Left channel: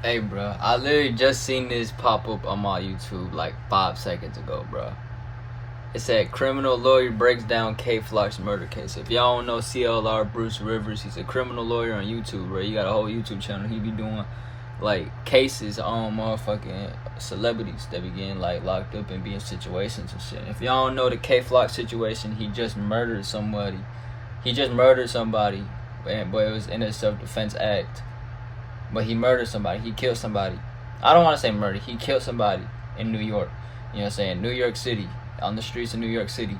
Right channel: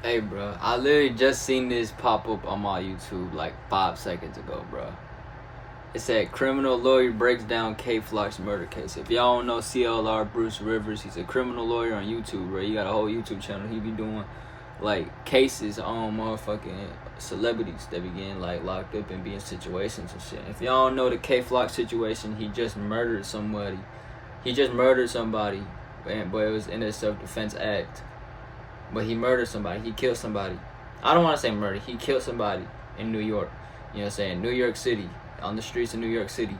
Hey, bro, I literally just seen this pop up on my YouTube like 5 seconds ago, bro. It said criminal lawyer breaks down K Flock's murder case. If y'all don't know CLR Bruce Rivers, he's a criminal lawyer on YouTube, bro. He got a whole YouTube channel. He be doing like cases on motherfucking celebrities that be getting like locked up and be in situations and shit. If y'all don't know the K Flock situation, he just murdered somebody. But it was in a self-defense act. But he murdered somebody. He killed somebody. I don't want to say murder. He killed somebody in New York. You know what I'm saying? New York City. On the streets of New York City.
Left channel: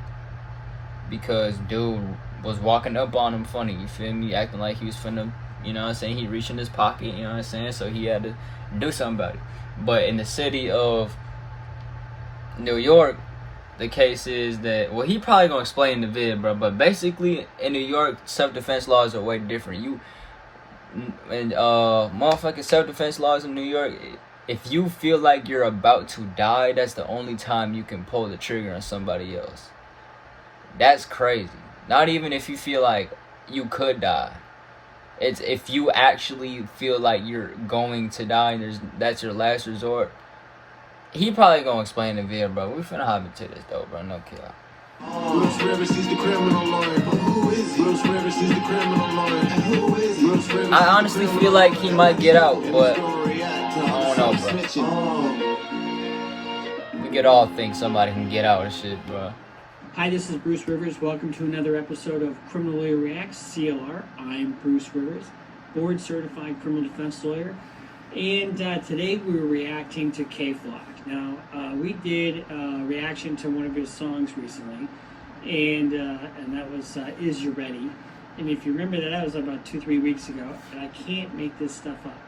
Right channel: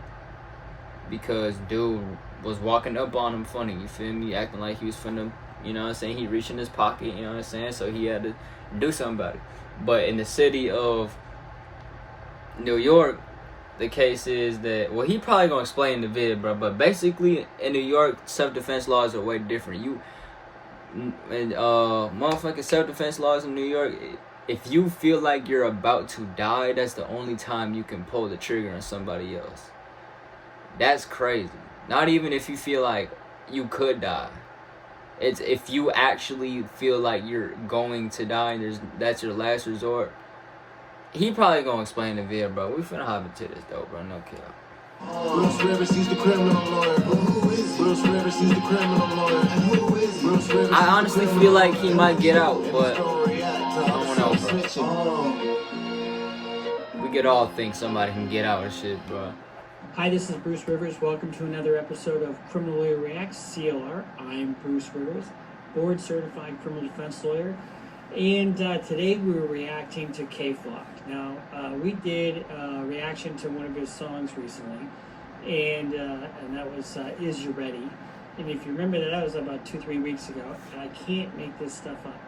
Because dude was walking up on him funny. You feel me? Acting like he was finna, you know what I'm saying? He reached in his pocket, you know what I'm saying? So he had to do something about it. But in the city of New York, the case is that, well, he probably gonna explain the vid, bro. But basically, in New York, self-defense laws are way different. And motherfucking self-defense laws in New York, if you feel like you're about to die, that's the only time you can pull the trigger on somebody else. That's crazy. Not even if you feel like you could die. It's if you actually feel like you're going to die and that's your last resort. He probably gonna explain the video, bro. We finna hop into this though, bro. No kill. Bruce Rivers, he's the criminal lawyer. Bruce Rivers, he's the criminal lawyer. I honestly feel like he might get out, but I don't know, bro. We could all think somebody can get out of shit, bro. Hi, this is Bruce Rivers. Welcome to another episode of Criminal Lawyer Reacts, CLR. I'm Bruce Rivers, board certified criminal defense lawyer. And today we're reacting to K Flock. Now, we did a reaction to one of his songs recently, and that was Is You Ready? And if you remember, that was about 2-3 weeks ago, and I can't make this stuff up.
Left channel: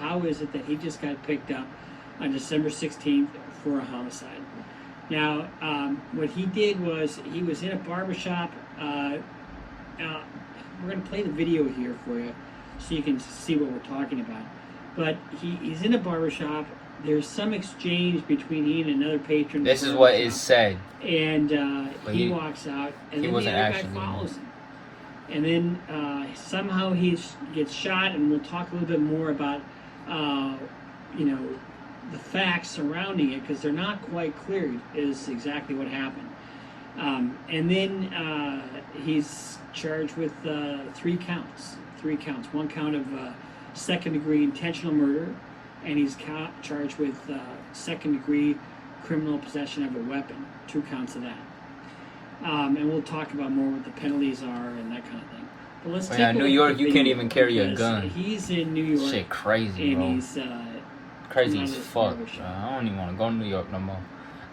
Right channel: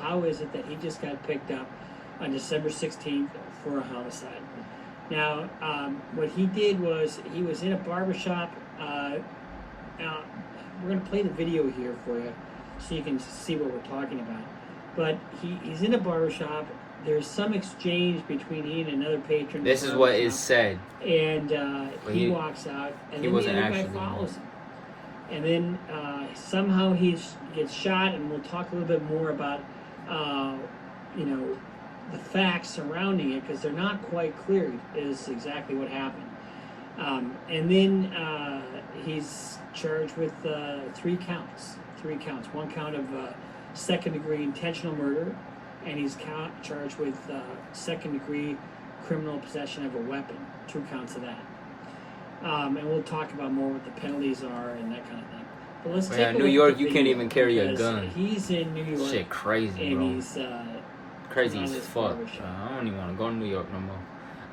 How is it that he just got picked up on December 16th for a homicide? Now, what he did was he was in a barbershop. Now, we're going to play the video here for you so you can see what we're talking about. But he's in a barbershop. There's some exchange between he and another patron. This is what is said. And he walks out, and he then wasn't the other actually guy follows him. And then somehow he gets shot, and we'll talk a little bit more about, the facts surrounding it, because they're not quite clear is exactly what happened. And then he's charged with 3 counts. 3 counts. 1 count of second-degree intentional murder, and he's charged with second-degree criminal possession of a weapon. 2 counts of that. And we'll talk about more what the penalties are and that kind of thing. But let's take New York, you can't even carry a gun. He's in New York. Shit, crazy, bro. And he's crazy as fuck, bro. I don't even want to go to New York no more.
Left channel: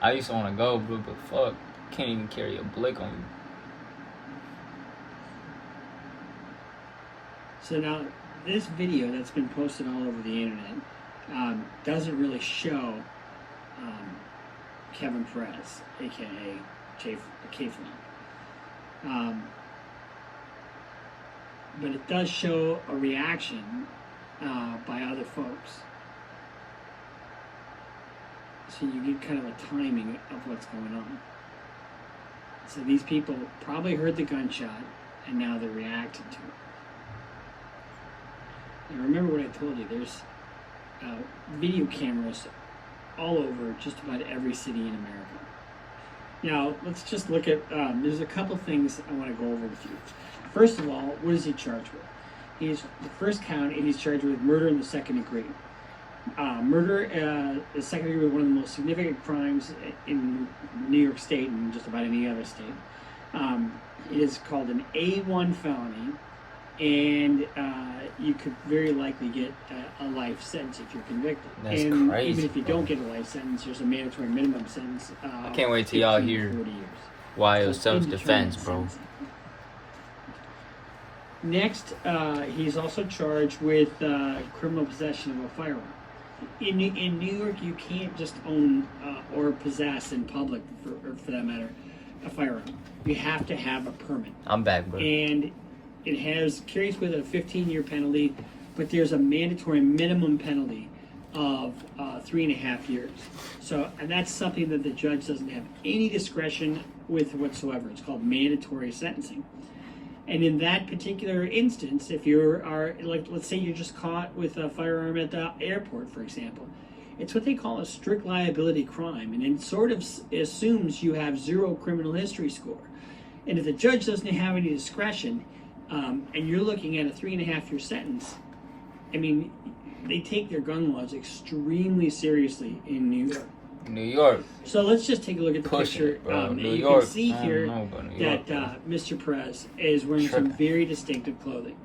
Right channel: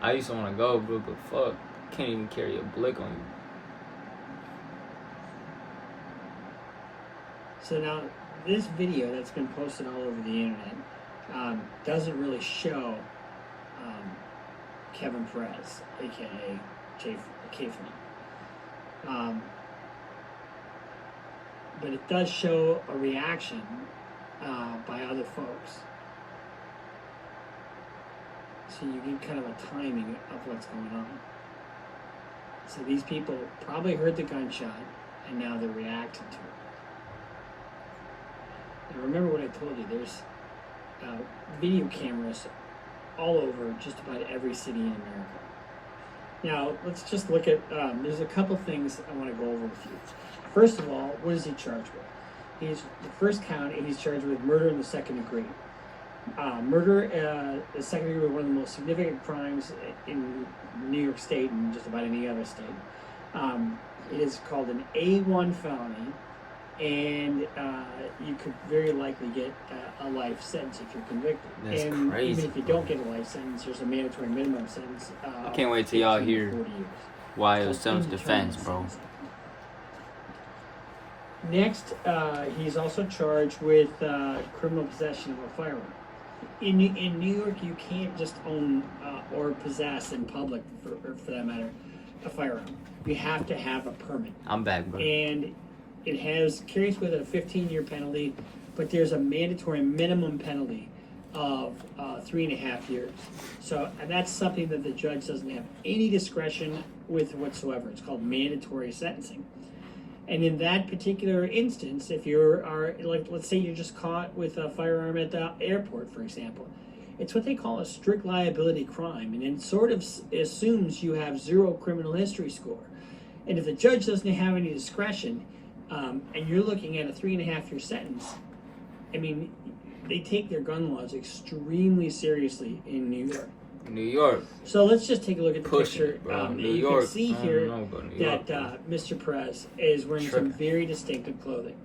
I used to want to go, bro, but fuck, can't even carry a blick on you. So now, this video that's been posted all over the internet doesn't really show Kevin Perez, aka K-Flock. But it does show a reaction by other folks. So you get kind of a timing of what's going on. So these people probably heard the gunshot, and now they're reacting to it. Now remember what I told you, there's video cameras all over just about every city in America. Now, let's just look at, there's a couple things I want to go over with you. First of all, what is he charged with? The first count, he's charged with murder in the second degree. Murder in the second degree is one of the most significant crimes in New York State and just about any other state. It is called an A1 felony, and you could very likely get a life sentence if you're convicted. That's and crazy. Even if you don't get a life sentence, there's a mandatory minimum sentence. I can't wait till y'all hear why it was self-defense, bro. Next, he's also charged with criminal possession of a firearm. In New York, you can't just own or possess in public, for that matter, a firearm. You have to have a permit. I'm back, bro. And it carries with it a 15-year penalty, but there's a mandatory minimum penalty of 3.5 years. So that's something that the judge doesn't have any discretion with whatsoever. It's called mandatory sentencing. And in that particular instance, if you are, like, let's say you're just caught with a firearm at the airport, for example, it's what they call a strict liability crime, and it sort of assumes you have zero criminal history score. And if the judge doesn't have any discretion, and you're looking at a 3.5-year sentence, I mean, they take their gun laws extremely seriously in New York. New York. So let's just take a look at the picture. It, bro. New you York. can see here that Mr. Perez is wearing some very distinctive clothing.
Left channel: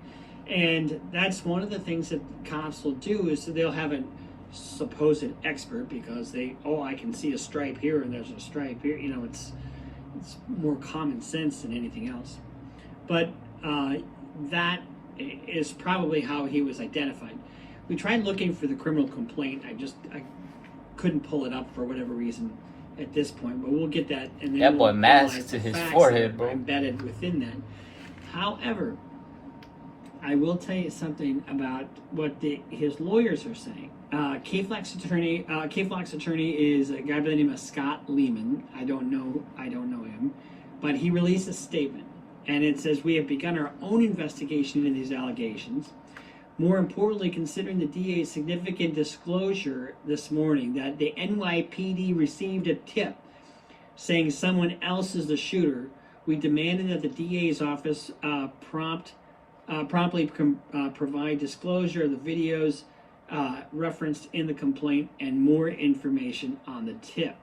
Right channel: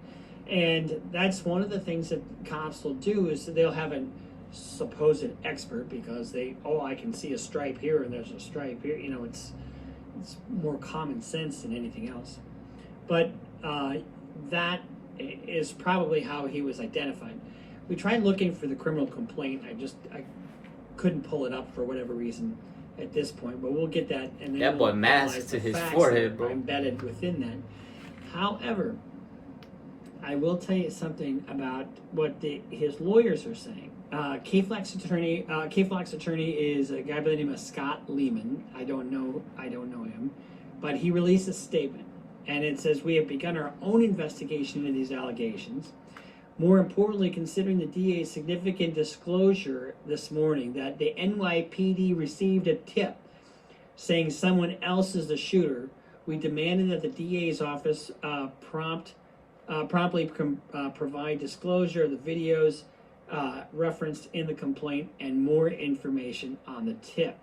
And that's one of the things that cops will do is that they'll have a supposed expert because I can see a stripe here and there's a stripe here. You know, it's more common sense than anything else. But that is probably how he was identified. We tried looking for the criminal complaint. I couldn't pull it up for whatever reason at this point, but we'll get that. And then that boy we'll masked to his forehead, bro. Embedded within that. However, I will tell you something about what his lawyers are saying. K-Floc's attorney is a guy by the name of Scott Lehman. I don't know him, but he released a statement, and it says, "We have begun our own investigation into these allegations. More importantly, considering the DA's significant disclosure this morning that the NYPD received a tip saying someone else is the shooter, we demanded that the DA's office promptly provide disclosure of the videos referenced in the complaint and more information on the tip."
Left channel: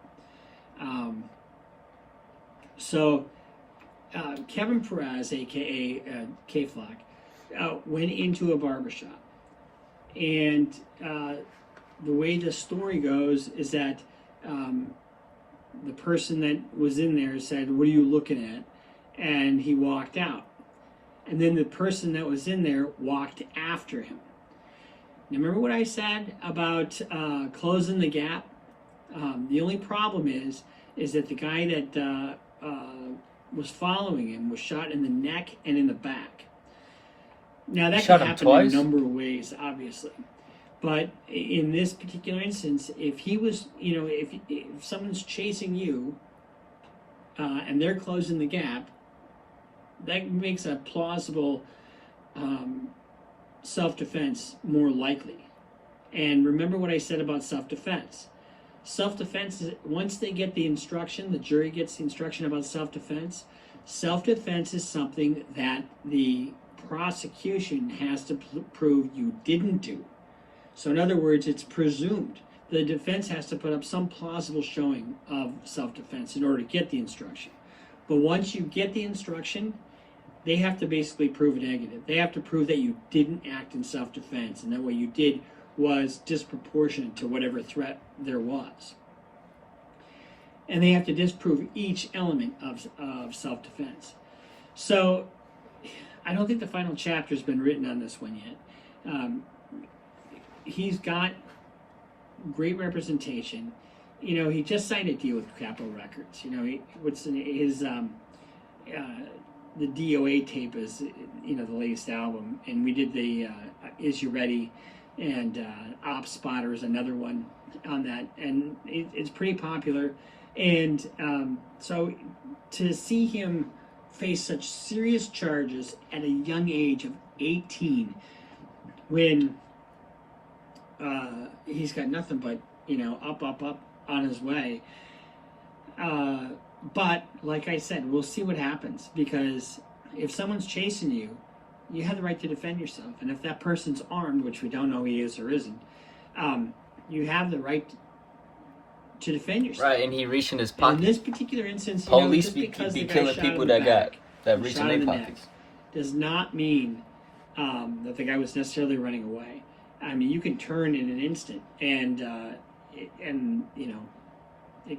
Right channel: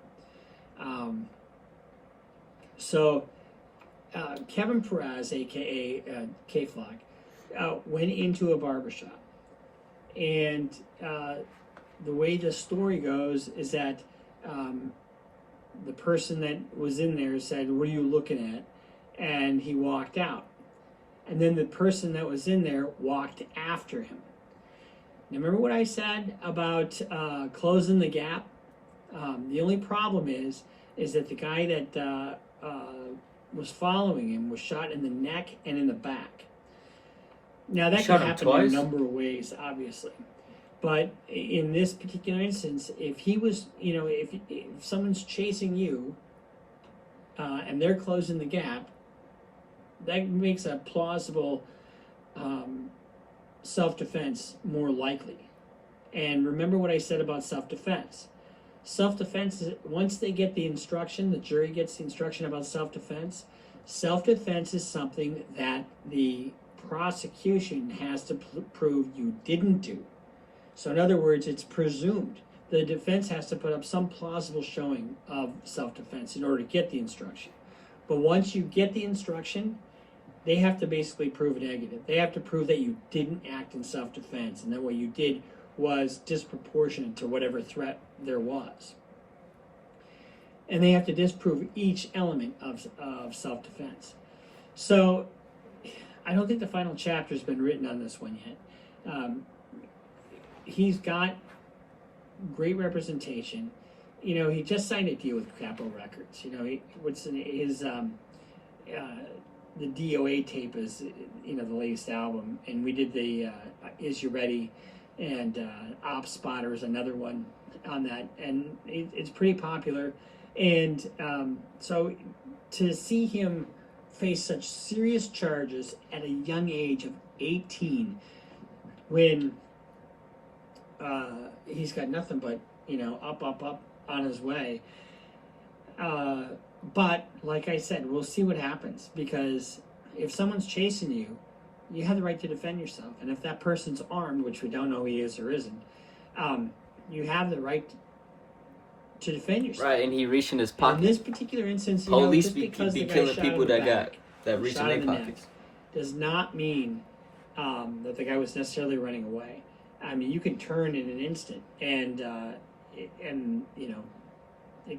Kevin Perez, aka K-Flock, went into a barbershop, and the way the story goes is that the person that was in there said, "What are you looking at?" And he walked out, and then the person that was in there walked after him. Now, remember what I said about closing the gap? The only problem is that the guy that was following him was shot in the neck and in the back. Now, that can happen in a number of ways, obviously. But in this particular instance, if he was, if someone's chasing you and they're closing the gap, that makes a plausible self-defense more likely. And remember what I said about self-defense. Self-defense is, once they get the instruction, the jury gets the instruction about self-defense. Self-defense is something that the prosecution has to prove you didn't do. So in other words, it's presumed. The defense has to put up some plausible showing of self-defense in order to get the instruction. But once you get the instruction, they have to basically prove a negative. They have to prove that you didn't act in self-defense and that what you did was disproportionate to whatever threat there was. And they have to disprove each element of self-defense. So I don't think the final chapter has been written on this one yet. He's got great representation. He just signed a deal with Capitol Records. The DOA tape is, the latest album, and we did the Is You Ready, and Op Spotter is another one on that, and it's pretty popular. And so to see him face such serious charges at a young age of 18, when he's got nothing but up on his way. But like I said, we'll see what happens, because if someone's chasing you, you have the right to defend yourself. And if that person's armed, which we don't know he is or isn't, you have the right to defend yourself. Right, and he reached in his pocket. In this particular instance, police be killing people that reach in their pockets. Does not mean that the guy was necessarily running away. I mean, you can turn in an instant, and it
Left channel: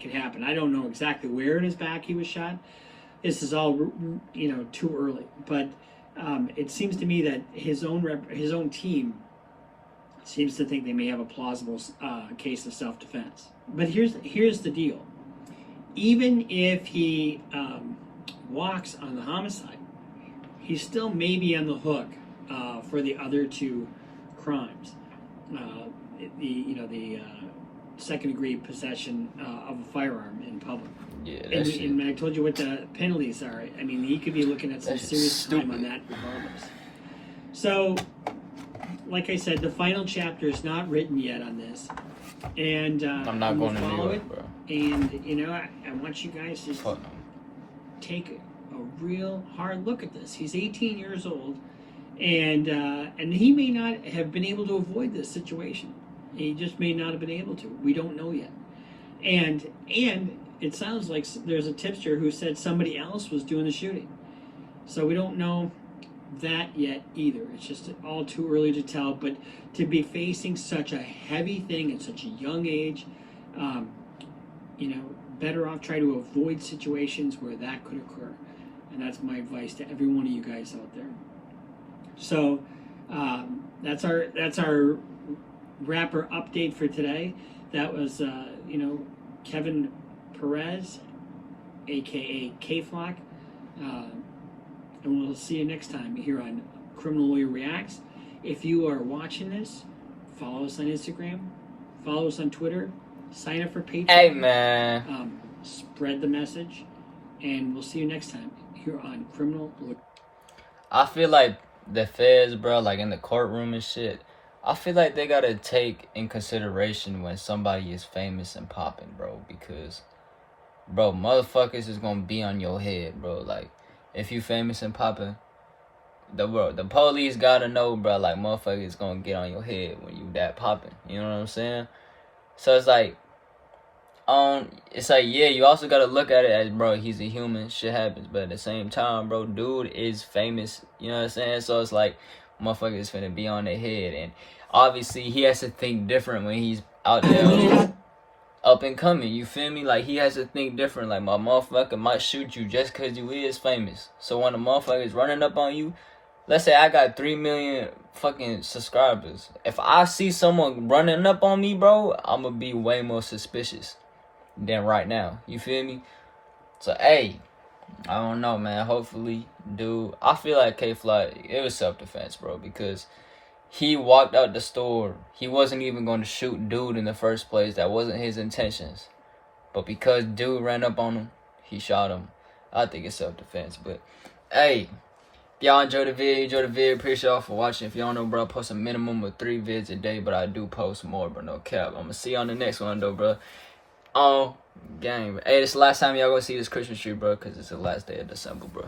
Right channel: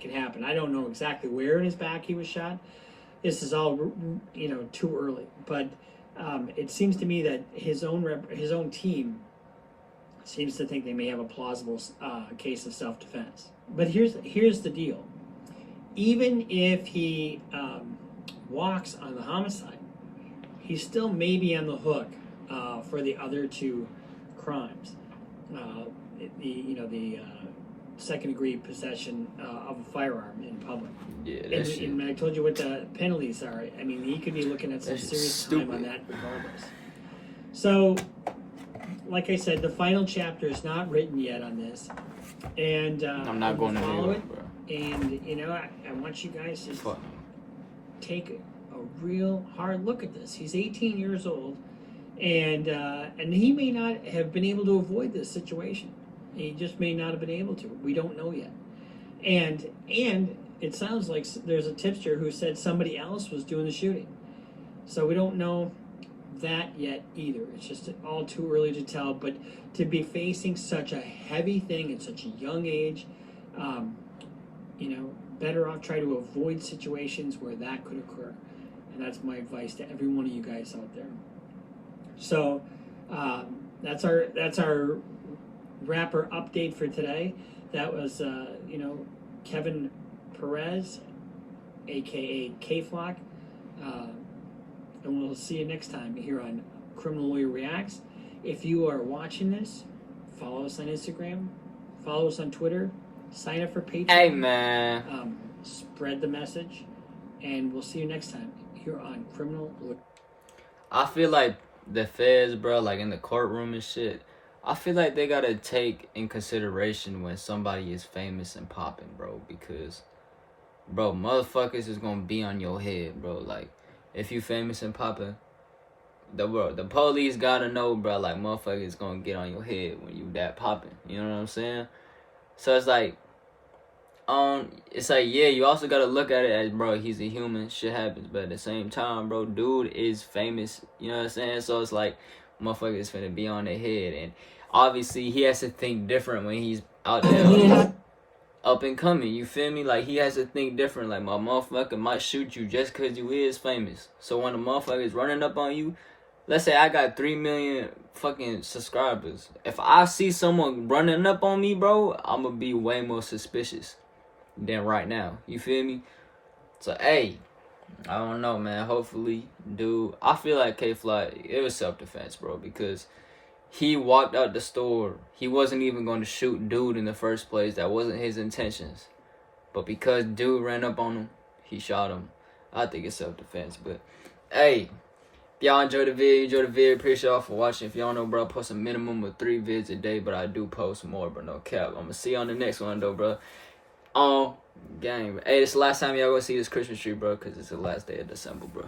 can happen. I don't know exactly where in his back he was shot. This is all too early, but it seems to me that his own team seems to think they may have a plausible case of self-defense. But here's the deal: even if he walks on the homicide, he still may be on the hook for the other two crimes. The second-degree possession of a firearm in public. Yeah, that And, shit. and I told you what the penalties are. I mean, he could be looking at some That shit's serious time stupid. on that regardless. So, like I said, the final chapter is not written yet on this. And I'm not going to New follow York, it. bro. And, you know, I want you guys to Fuck no. take a real hard look at this. He's 18 years old, and he may not have been able to avoid this situation. He just may not have been able to. We don't know yet. And it sounds like there's a tipster who said somebody else was doing the shooting. So we don't know that yet either. It's just all too early to tell. But to be facing such a heavy thing at such a young age, you know, better off try to avoid situations where that could occur. And that's my advice to every one of you guys out there. So that's our rapper update for today. That was you know, Kevin Perez, aka K-Flock. And we'll see you next time here on Criminal Lawyer Reacts. If you are watching this, follow us on Instagram, follow us on Twitter, sign up for Patreon. Hey, man. Spread the message, and we'll see you next time here on Criminal Lawyer. I feel like the feds, bro, like in the courtroom and shit, I feel like they gotta take in consideration when somebody is famous and popping, bro, because, bro, motherfuckers is gonna be on your head, bro. Like, if you famous and popping, the police gotta know, bro, like, motherfuckers gonna get on your head when you that popping. You know what I'm saying? So it's like, yeah, you also gotta look at it as, bro, he's a human, shit happens, but at the same time, bro, dude is famous, you know what I'm saying? So it's like, motherfuckers finna be on their head, and obviously he has to think different when he's out there up and coming, you feel me? Like, he has to think different, like, my motherfucker might shoot you just cause you is famous. So when a motherfucker is running up on you, let's say I got 3 million fucking subscribers, if I see someone running up on me, bro, I'm gonna be way more suspicious than right now, you feel me? So, hey, I don't know, man. Hopefully, dude, I feel like K-Fly, it was self-defense, bro, because he walked out the store. He wasn't even going to shoot dude in the first place. That wasn't his intentions. But because dude ran up on him, he shot him. I think it's self-defense. But, hey, if y'all enjoyed the video, appreciate y'all for watching. If y'all don't know, bro, I post a minimum of 3 vids a day, but I do post more, but no cap. I'm going to see you on the next one, though, bro. Gang. Hey, this is the last time y'all gonna see this Christmas tree, bro, because it's the last day of December, bro.